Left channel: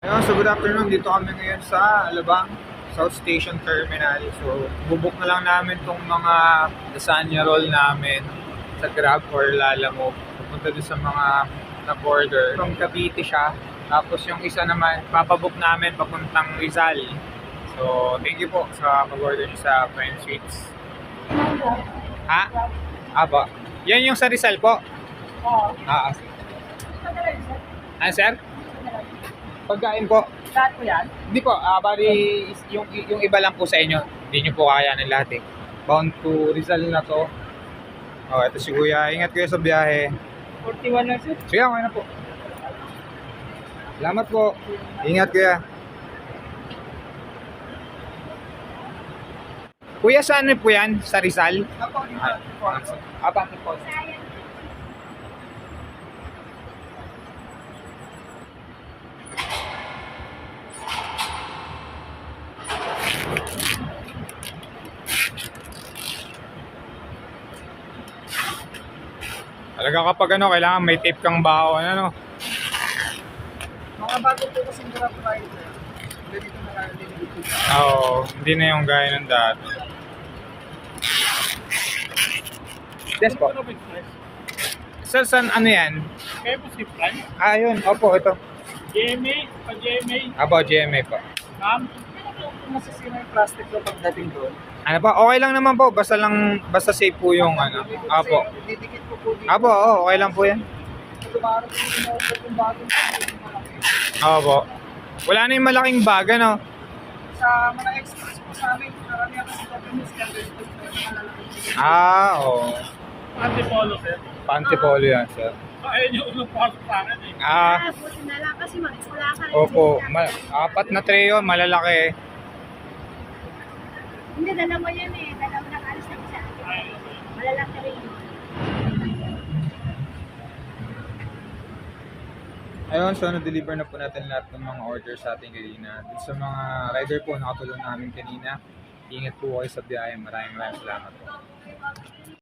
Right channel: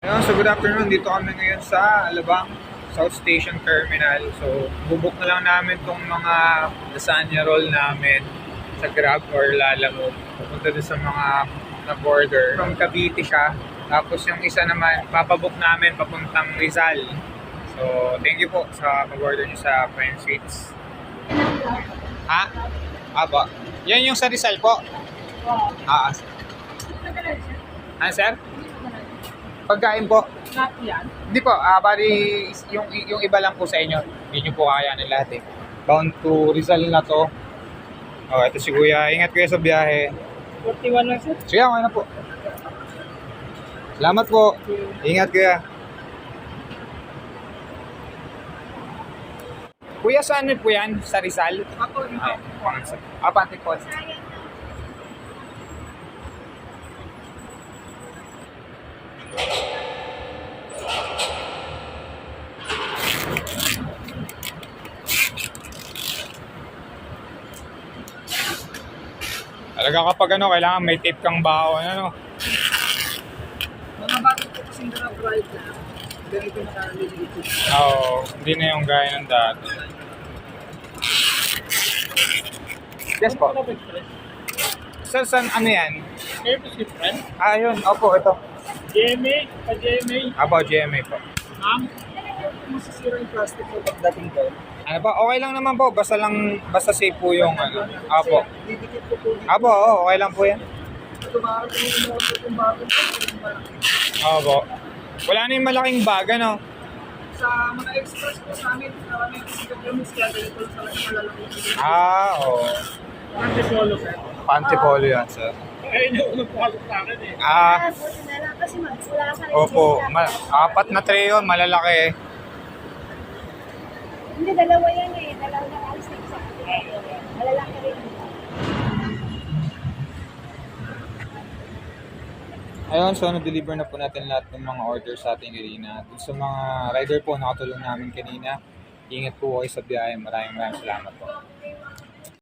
Ayun, so good afternoon. Dito kami ngayon sa Alabang South Station Terminal. So, bubuk na lang namin tong mga lasagna roll namin sa Grab or Lalamove. Pupunta doon sa mga na-border. From Cavite siya. Tapos yung isa naman, papabook namin papuntang Rizal. So, thank you po sa pag-order nyo sa Prime Sweets. Ha? Aba. Yan yung sa Rizal po? Oo. Ah, sir? Pagkain po. Lahat po yan? Hindi po, bali yung iba lang po sa inyo. Hindi nyo po kakayanin lahat eh. Bound to Rizal na to. Oh, ito si Kuya. Ingat kayo sa biyahe. 41 lang sir. Sige, okay na po. Salamat po. Ingat Kuya. Kuya, saan po yan? Sa Rizal? Ako, Pante po. Talaga kapag ano, kailangan may tape kang baon, ano? mga bago po kasing grab ride na ganito na nalilito. Oo, hindi na yung gaya ng dati. Yes po. Saan ano yan? Kayo po skip time? Ayun, opo, ito. GMA, pa-GMA. Abo, GMA po. Ma'am, kung masasira yung plastic ko pagdating doon. Ano pa? Okay lang naman po. Basta safe po yung ano. Apo. Didikit ko po dito. Abo, okay lang po yan. Tumaro ko yung order kong bago yung malaki. Opo. Wala na yung malaking bag, ano? Sa mga express po sa amin, marami ako sa documents kaya ganito lang sa malalaki. Oo. Hindi solo sir. Pantipolo yan, sir. Ayun yung unang pasok sa akin eh. Buti na lang kasi wala sa Opo. Apat na tray yun, malalaki eh. Hindi, dalawa yan eh. Dalawa nakaalis na isa. Malalaki rin. Ayun, so na-deliver na po natin lahat ng mga orders sa ating kanina. Dun sa mga rider po, nakatulong namin kanina. Ingat po kayo sa biyahe. Maraming salamat po.